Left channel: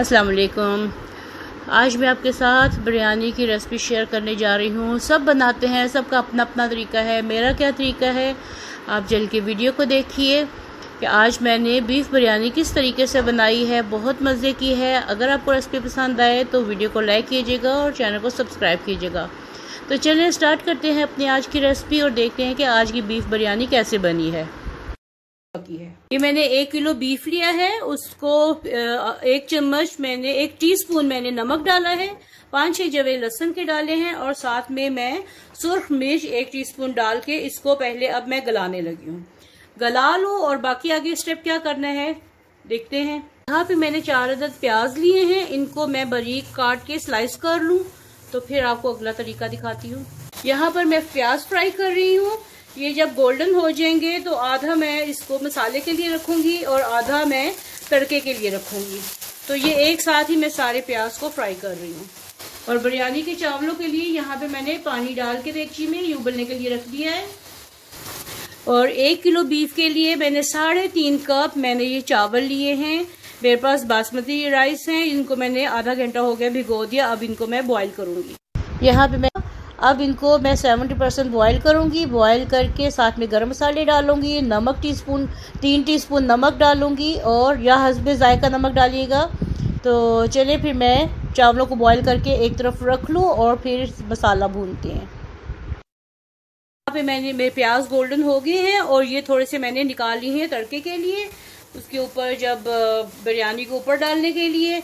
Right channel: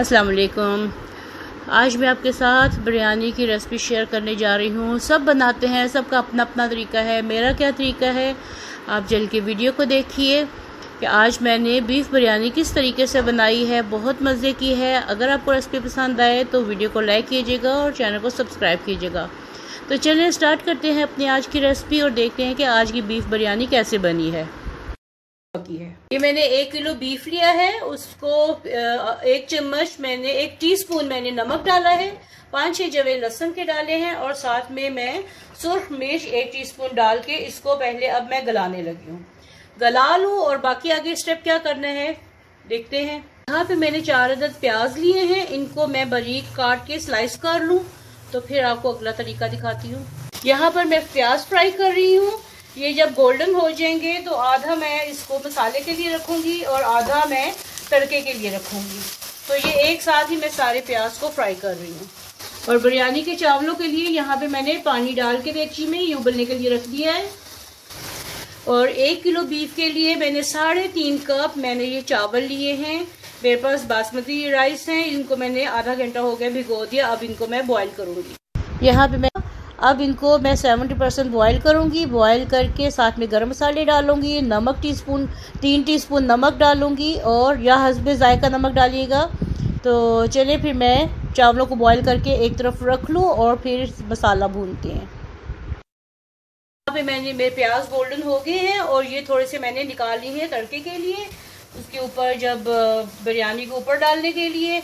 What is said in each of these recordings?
अस्सलाम वालेकुम। आज मैं आपके साथ बिरयानी की रेसिपी शेयर करने जा रही हूँ। सब बनाते हैं, सबका अपना अपना तरीका है। मेरा क्या तरीका है आप चल के वीडियो को देखिए कि आज मैंने बीफ बिरयानी किस तरीके से बनाई है। बहुत मज़े की है। अगर आपको रेसिपी पसंद आए तो वीडियो को लाइक कीजिएगा और चैनल को सब्सक्राइब कीजिएगा। तो चलिए स्टार्ट करते हैं अपनी आज की रेसिपी और देखते हैं कि आज की बीफ बिरयानी कैसे बनी है। ये मैंने 1 किलो बीफ लिया है, उसको 1 चम्मच मैंने 1 टीस्पून मैंने नमक डाला है, 5-6 जवे लहसुन के डाले हैं और साथ में मैं सुर्ख मिर्च 1 टीस्पून डाल के इसको पहले अब मैं गलाने लगी हूँ। गला लूँ और बाकी आगे स्टेप क्या करना है देखते हैं। यहाँ पे मैंने 4 अदद प्याज लिए हैं, इनको मैं बारीक काट के स्लाइस कर लूँ तो फिर आपको अगला तरीका दिखाती हूँ। यहाँ पर मैं प्याज फ्राई कर रही हूँ। ये जब गोल्डन हो जाएंगे तो आधा मैं इसको मसाले के लिए रखूंगी और आधा मैं तड़के के लिए रखूंगी। तो ये एक साथ ही मैं सारे प्याज को फ्राई कर रही हूँ। और बिरयानी के चावलों के लिए यहाँ पे मैंने पानी डाल के देगची में ये उबलने के लिए रख दिया है। और 1 किलो बीफ के लिए मैंने 3.5 कप मैंने ये चावल लिए हैं। मेरे पास बासमती राइस हैं, इनको मैंने आधा घंटा हो गया भिगो दिया। अब इनको मैं बॉईल करूँगी। यहाँ पे अब इनको मैं 70% बॉईल करूँगी। बॉईल करके साथ में गरम मसाले डालूँगी, नमक 3 टीस्पून नमक डालूँगी और या हस्बे जायका नमक डालिएगा। तो चलिए फिर मैं चावलों को बॉईल करके एक तरफ रख लूँ और फिर मसाला भूनते हैं। यहाँ पे मेरे प्याज गोल्डन हो गए हैं और ये थोड़े से मैंने निकाल लिए हैं तड़के के लिए, उसके ऊपर जब बिरयानी को ऊपर डालने के लिए।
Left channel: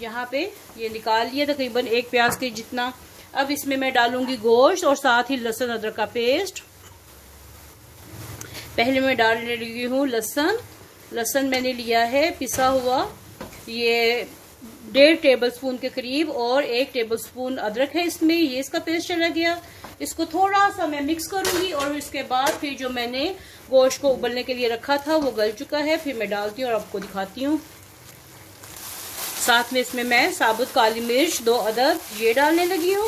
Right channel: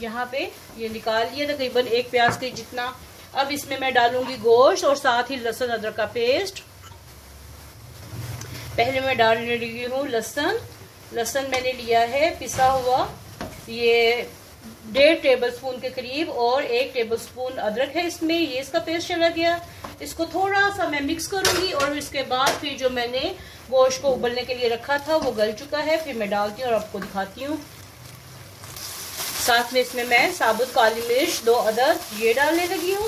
यहाँ पे ये निकाल लिया तकरीबन 1 प्याज के जितना। अब इसमें मैं डालूंगी गोश्त और साथ ही लहसुन अदरक का पेस्ट। पहले मैं डालने लगी हूँ लहसुन मैंने लिया है पिसा हुआ, ये 1.5 टेबलस्पून के करीब और 1 टेबलस्पून अदरक है इसमें, ये इसका पेस्ट चला गया। इसको थोड़ा सा मैं मिक्स करूंगी और इसके बाद फिर जो मैंने गोश्त को उबलने के लिए रखा था वो गल चुका है, फिर मैं डालती हूँ और आपको दिखाती हूँ। साथ में इसमें मैं साबुत काली मिर्च 2 अदद ये डालने लगी हूँ।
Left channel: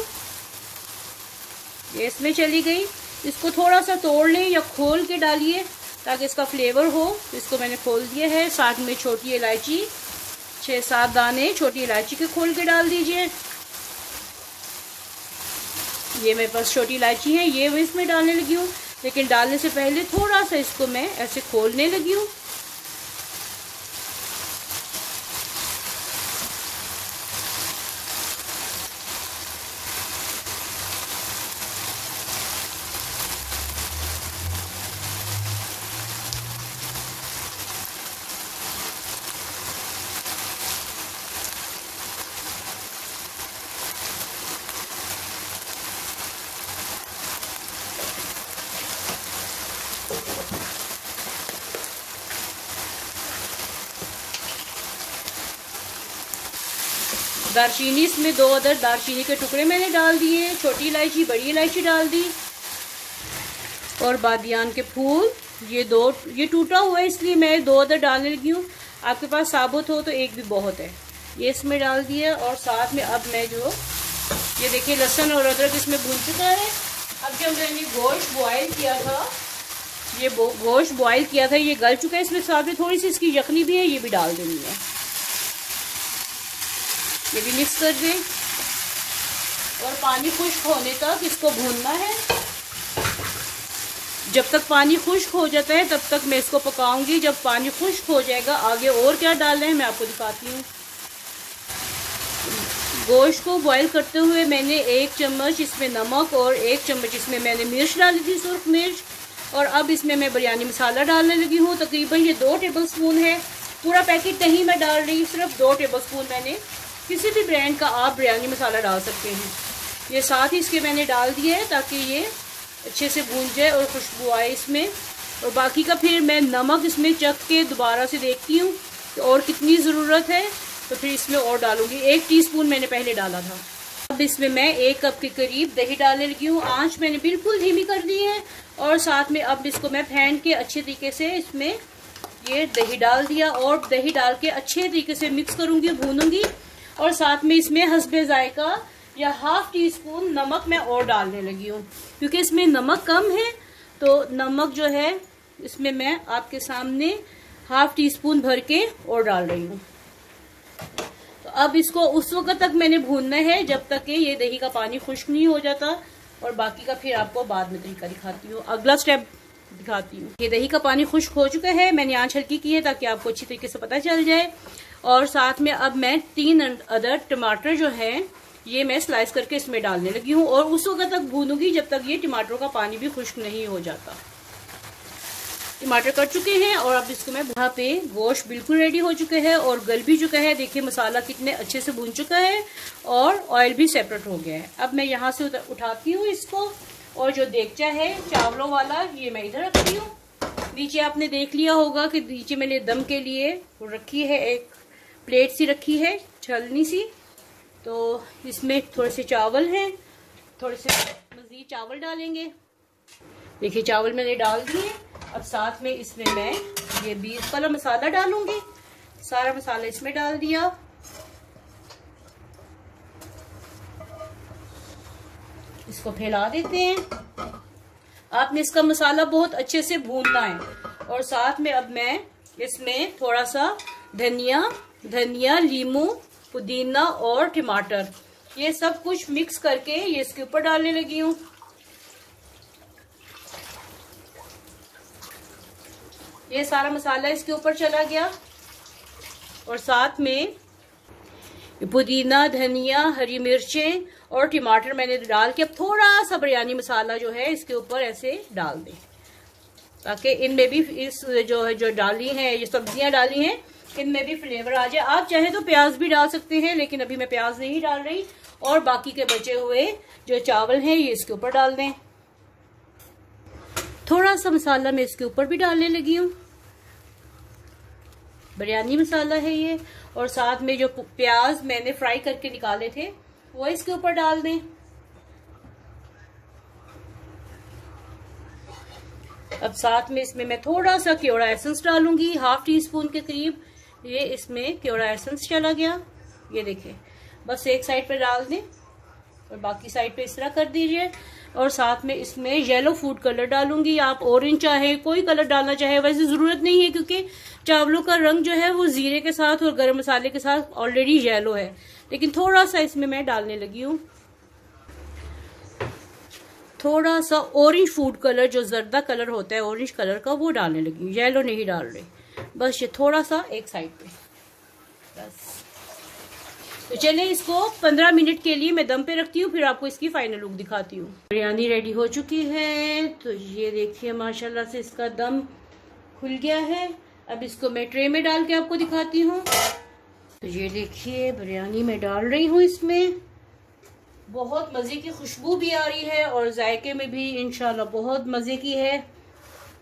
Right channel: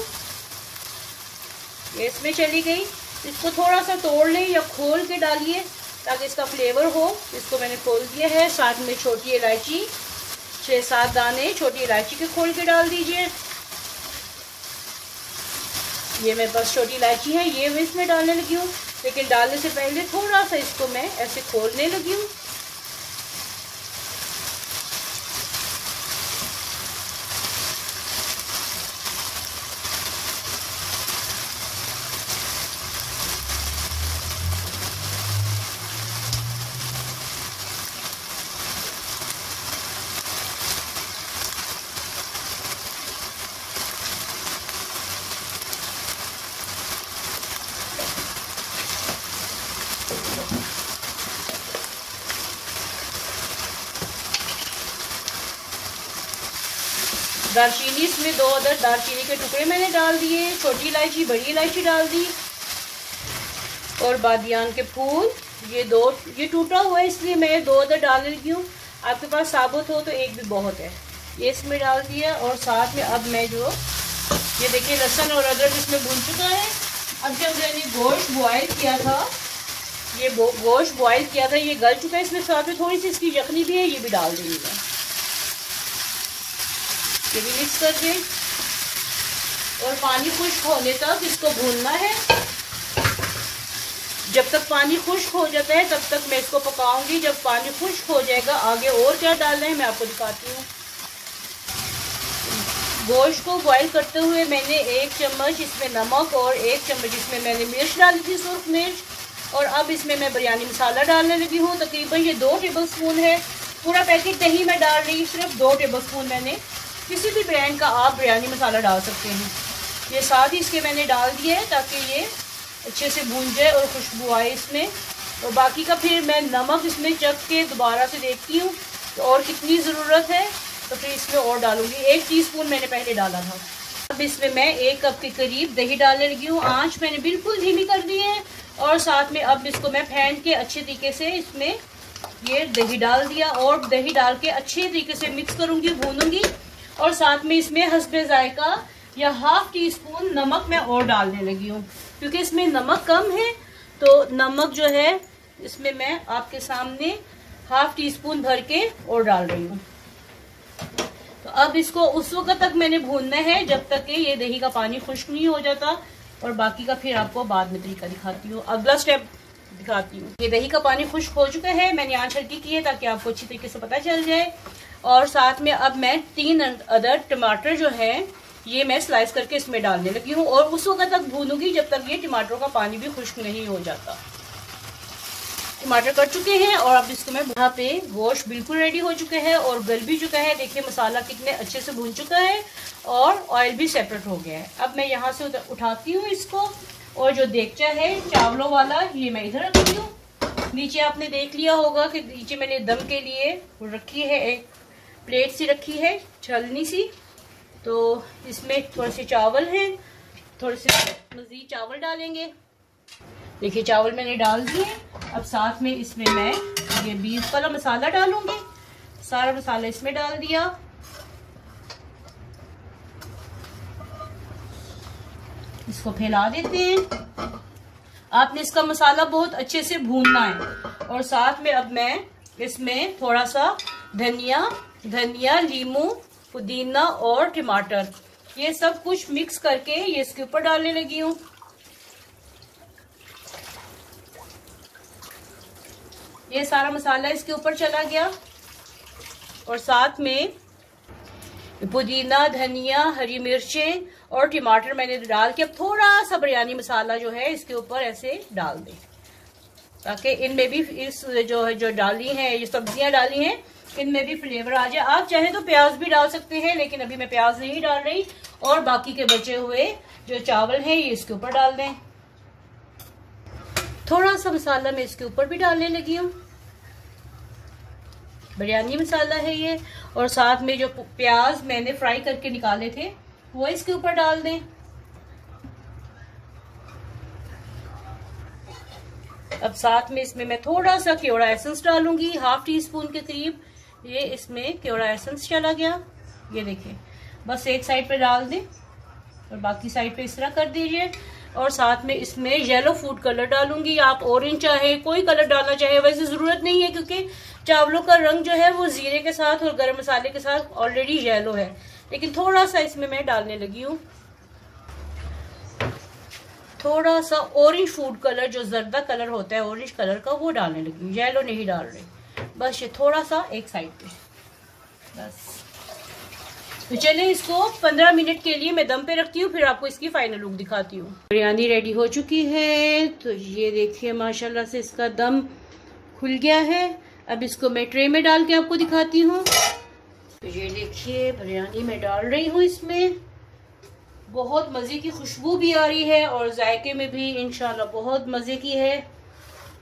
ये इसमें चली गई। इसको थोड़ा सा तोड़ लें या खोल के डालिए ताकि इसका फ्लेवर हो। इसको मैंने खोल दिया है। साथ में छोटी इलायची 6-7 दाने छोटी इलायची के खोल के डाल दीजिए। ये मेरे पास छोटी इलायची है, ये मैं इसमें डालने लगी हूँ, लेकिन डालने से पहले थोड़ा सा इसको मैं ऐसे खोलने लगी हूँ। दालचीनी इसमें 2 अदद दालचीनी के टुकड़े मैंने डाल दिए, छोटी इलायची बड़ी इलायची डाल दी और बादियान के फूल ये टूटा हुआ है इसलिए मैं 2 अदद डालने लगी हूँ। आपके पास साबुत हो तो 1 भी बहुत है। ये इसमें डाल दिया और साथ में अब मैं जो ये देखिए लहसुन और अदरक इसमें भून चुका है। अब जब मैंने गोश्त बॉयल किया था ये गल चुका है। इसमें साथ में थोड़ी सी इसकी यखनी भी है, ये भी डाल देनी है। ये भी मिक्स कर दें और पानी खुश्क होने तक इसको भूनना है। जब तक पानी खुश्क हो जाता है तब तक मैं इसको पकाऊंगी। जब पानी खुश्क हो जाएगा आगे और क्या डालना है मैं आपको दिखाती हूँ। गोश्त को बॉईल करते हुए मैंने 1 चम्मच इसमें नमक और 1 चम्मच इसमें मैंने मिर्च डाली थी, सुर्ख मिर्च। और अब इसमें मैं बिरयानी मसाला डालने लगी हूँ। तकरीबन ये 2 टेबलस्पून है, पूरा पैकेट नहीं मैं डाल रही, सिर्फ 2 टेबलस्पून मैंने किसी भी ब्रांड का आप बिरयानी मसाला डाल सकते हैं। ये साथ ही इसके मैंने डाल दिए है ताकि ये अच्छे से भून जाए और खुशबू आए इसमें। और बाकी का फिर मैं नमक इसमें चख के दोबारा से देखती हूँ तो और कितनी ज़रूरत है तो फिर इसमें और डालूंगी। 1 टीस्पून मैंने पहले डाला था। अब इसमें मैं 1 कप के करीब दही डालने लगी हूँ। आँच मैंने बिल्कुल धीमी कर दी है और साथ में अब इसको मैं फेंट के अच्छे तरीके से इसमें ये दही डाल दिया और दही डाल के अच्छे तरीके से मिक्स करूँगी, भूनूंगी। और साथ में इसमें हस्बे जायका या 1/2 टीस्पून नमक मैं और डालने लगी हूँ क्योंकि इसमें नमक कम है। तो नमक जो है इसमें मैं आपके सामने 1/2 टीस्पून भर के और डाल रही हूँ। अब इसको उस वक्त तक मैंने भूनना है जब तक कि ये दही का पानी खुश्क नहीं हो जाता, और बाकी का फिर आपको बाद में तरीका दिखाती हूँ, अगला स्टेप दिखाती हूँ। ये दही का पानी खुश्क हो चुका है, मैंने आंच हल्की की है ताकि आपको अच्छी तरीके से पता चल जाए। और साथ में अब मैं 3 अदर टमाटर जो है ये मैं स्लाइस करके इसमें डालने लगी हूँ, और उस वक्त तक भूनूंगी जब तक ये टमाटरों का पानी भी खुश्क नहीं हो जाता। टमाटर कट चुके हैं और अब इसको मैं यहाँ पे गोश्त बिल्कुल रेडी हो चुके हैं और गल भी चुका है। देखिए मसाला कितने अच्छे से भून चुका है और ऑयल भी सेपरेट हो गया है। अब मैं यहाँ से उठाती हूँ इसको, और जो देगचा है चावलों वाला ये मैं इधर रखती हूँ। नीचे आपने देख लिया होगा कि नीचे मैंने दम के लिए रखी है, एक प्लेट सी रखी है छलनी सी, तो इसमें थोड़े से चावल हैं, थोड़े से मज़ीद चावल डालेंगे। देखिए चावल मैंने डाल दिए। अब साथ में इसमें मैं ये बीफ वाला मसाला डालूंगी, सारा मसाला इसमें डाल दिया। इसको फैला देते हैं। आपने इसका मसाला बहुत अच्छे से भूनना है। और साथ में अब मैं इसमें थोड़ा सा धनिया, लीमू, पुदीना और टमाटर, ये सब कुछ मिक्स करके ये इसके ऊपर डालने लगी हूँ। ये सारा मसाला इसके ऊपर चला गया, और साथ में पुदीना, धनिया, हरी मिर्चें और टमाटर मैंने डाल के अब थोड़ा सा बिरयानी मसाला जो है इसके ऊपर ऐसे डाल दें, ताकि इनमें भी इस जो डाली है, ये सब्जियां डाली हैं, इनमें भी फ्लेवर आ जाए। आप चाहे तो प्याज भी डाल सकते हैं, लेकिन अभी मैं प्याज नहीं डाल रही। और बाकी के बचे हुए जो चावल हैं ये इसके ऊपर डाल दें। थोड़ा सा मसाला मैं इसके ऊपर भी डालने लगी हूँ, बिरयानी मसाला है ये। और साथ में जो प्याज मैंने फ्राई करके निकाले थे वो इसके ऊपर डाल दें। अब साथ में इसमें मैं थोड़ा सा केवड़ा एसेंस डालूंगी, 1/2 टीस्पून के करीब। ये इसमें केवड़ा एसेंस चला गया, ये देखिए। बस एक साइड पे डाल दें और बाकी साइड पे इस तरह कर दीजिए। और साथ में इसमें येलो फूड कलर डालूंगी। आप ऑरेंज चाहे कोई कलर डालना चाहे, वैसे जरूरत नहीं है क्योंकि चावलों का रंग जो है वो जीरे के साथ और गरम मसाले के साथ ऑलरेडी येलो है, लेकिन थोड़ा सा इसमें मैं डालने लगी हूँ। थोड़ा सा ऑरेंज फूड कलर, जो जर्दा कलर होता है ऑरेंज कलर का, वो डालने लगी हूँ, येलो नहीं डाल रही। बस ये थोड़ा सा एक साइड पे, बस। तो चलें इसको 15 मिनट के लिए मैं दम पे रखती हूँ, फिर आपको इसकी फाइनल लुक दिखाती हूँ। बिरयानी रेडी हो चुकी है, तो ये देखिए माशाल्लाह से इसका दम खुल गया है। अब इसको मैं ट्रे में डाल के आपको दिखाती हूँ। तो ये देखिए बिरयानी मैं डाल रही हूँ इसमें। बहुत मज़े की खुशबू भी आ रही है और जायके में भी इंशाल्लाह बहुत मज़े की है।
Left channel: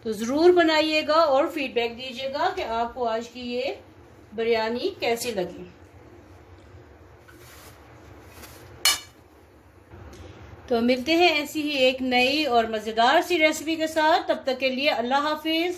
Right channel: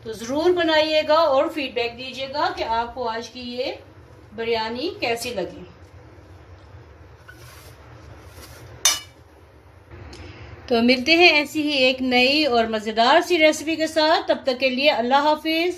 तो ज़रूर बनाइएगा और फीडबैक दीजिएगा कि आपको आज की ये बिरयानी कैसी लगी। तो मिलते हैं ऐसी ही एक नई और मज़ेदार सी रेसिपी के साथ। तब तक के लिए अल्लाह हाफिज़।